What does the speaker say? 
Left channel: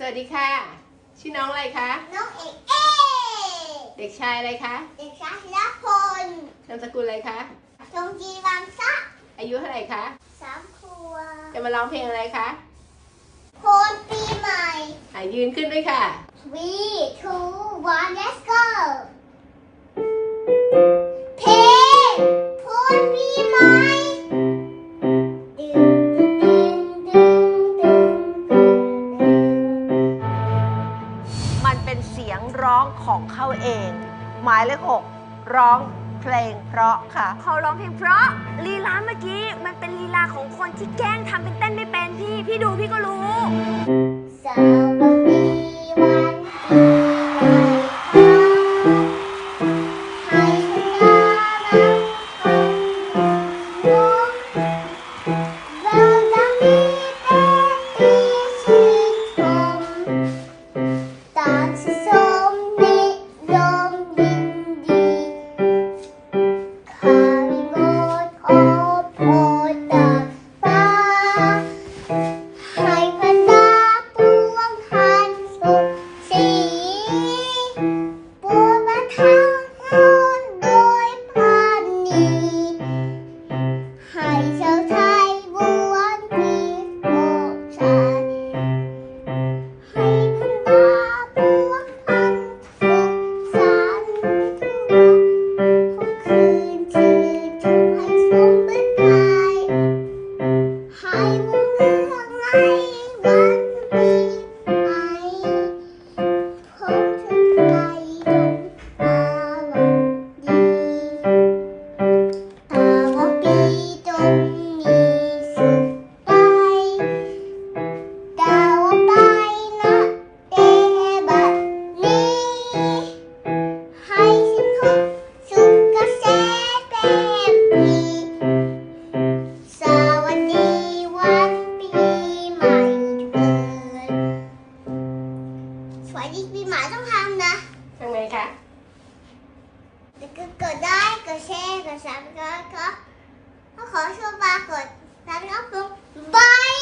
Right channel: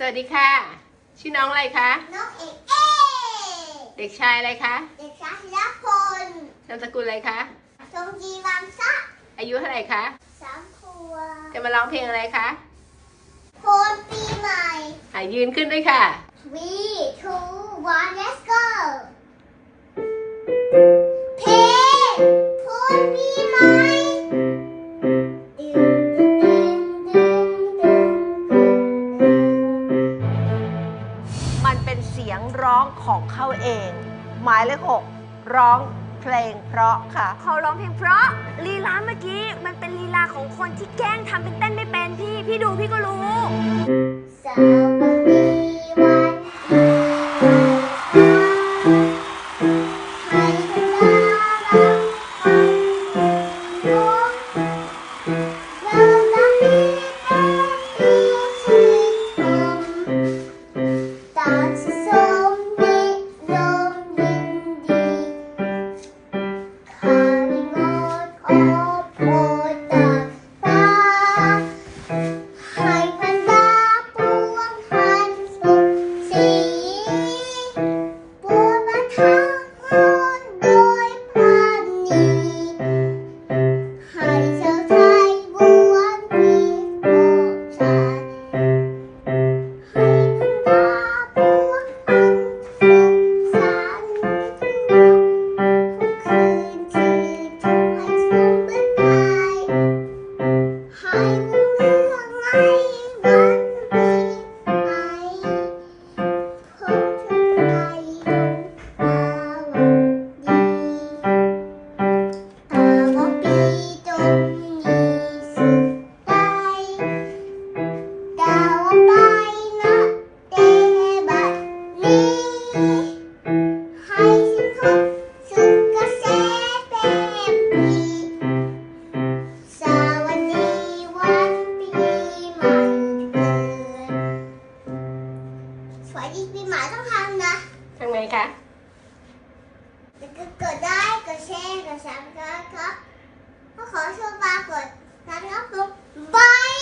สวัสดีค่ะ ชื่อน้องอะไรคะ น้องเอกเอเด็กชายอะไรคะ เด็กชายธีรพลนามสกุลอะไรคะทงจีวังซะอายุเท่าไหร่คะสามครัวจะมาร้องเพลงอะไรคะโพนปีใหม่หายืนขึ้นด้วยค่ะ three two one let's เป็นเสียงร้องของเขาเอง หมายเลขหกร้องเพลงเพราะค่ะ เขาร้องเพลงเพราะลีลาเมื่อกี้มันเป็นลีลาของคนที่แกล้งทำเป็นเต้นไม่เป็นพี่ พี่ดูพี่ก็รู้สวั สวัสดีปีใหม่ต้องทำนะทำไงคะแล้วก็กดได้กดแชร์กดซับสไครต์ครับถ้าขอชมปรากดซับสไครต์ครับบาย